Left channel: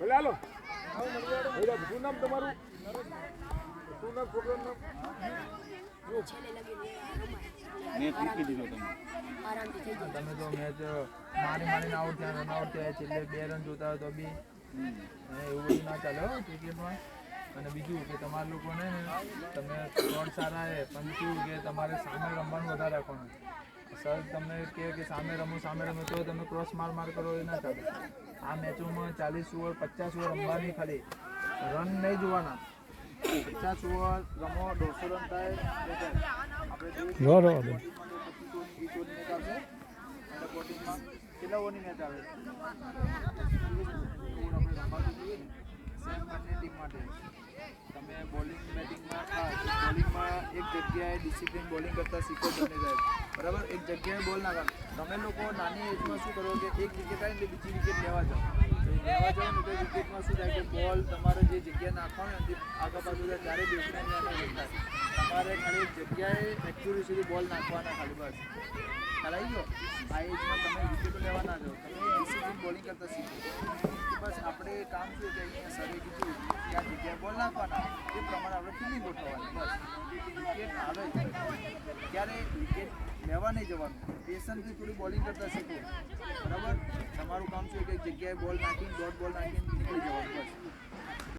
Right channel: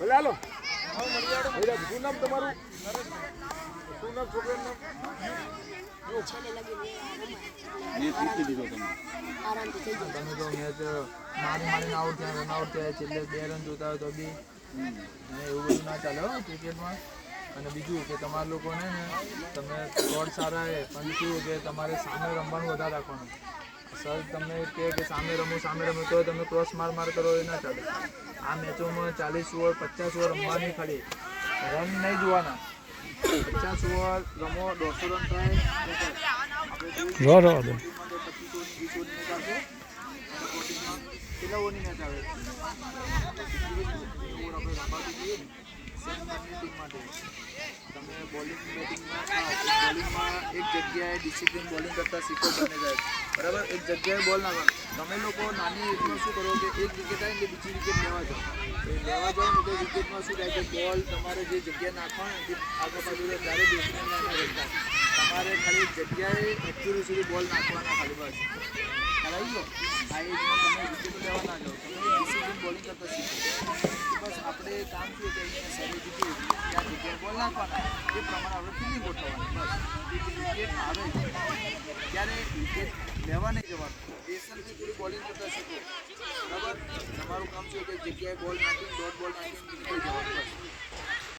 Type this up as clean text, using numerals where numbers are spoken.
ભલે હાલો શું નામ તમારું શું નામ છોકરાનું તમે તો મેચ મારીને આઉટ થયા રન આઉટ થયા છેલ્લે 2 રન જોતા હોય તો બી એવું બધું ના ચાલે હો ક્રિકેટમાં. અને બીજું કે તમારા લોકોને ને તમે શોટ સારા છે પણ શું કે તમારે સામે રમવાનું વધારે રાખવાનું. સર તમને કહે કે સામે રમો તો તમે ક્રોસ માર કરો એ ના ચાલે. આ મેચોમાં 40 ઓવર 50 ઓવર રમવાની ખાલી રન નહીં જોવાના. 50 ઓવર રમો 150 રન થાય આપણે 25 ઓવરની મેચ આવશે અને બોલિંગમાં કેટલા ઓવરની મેચ આવે ઓવર આપણે રમવાથી જોઈએ ને સેમ બંને ટીમ માટે તમે બોલિંગ બેટિંગમાં બોલિંગમાં એક જગ્યાએ ડિસિપ્લિન બોલિંગ કરતાં શીખો બને જાય બરાબર. એક જગ્યાએ બોલ ના કરો. તમે લોકો નાની એજમાં શું કરો કે એક વિકેટ આવે એટલે બીજી વિકેટ લેવા જાઓ ને તો વિકેટમાં શું થાય કે બોલ તમારે જે જગ્યાએ નાખવાનું નથી આગળ પાછું ત્યારે બેટ્સમેનને એને રન થાય. તમારે ખાલી એક જગ્યાએ એકચ્યુઅલી સુધી બોલ નાખવાના ખાલી બસ ખ્યાલ આવી ગયો. આ એજમાં તમે વિકેટો લેવા ના જાઓ તમે ડિસિપ્લિન બોલિંગ કરતાં શીખો. બસ આપણે કામ શું કે અહીંયા સરે કીધું ત્યાં જગ્યાએ બોલ નાખવાના એ પ્રમાણે આપણે ફિલ્ડિંગ ગોઠવવાની બસ. વિકેટ આવે ત્યારે વિકેટ લેવા નહીં જવાનું પેશન્સથી થોડી બોલિંગ કરતાં શીખો બરાબર. તમારું કામ શું કે જગ્યાએ બોલ નાખીને ડોટ બોલ નાખીને નીકળી જવાનું બસ.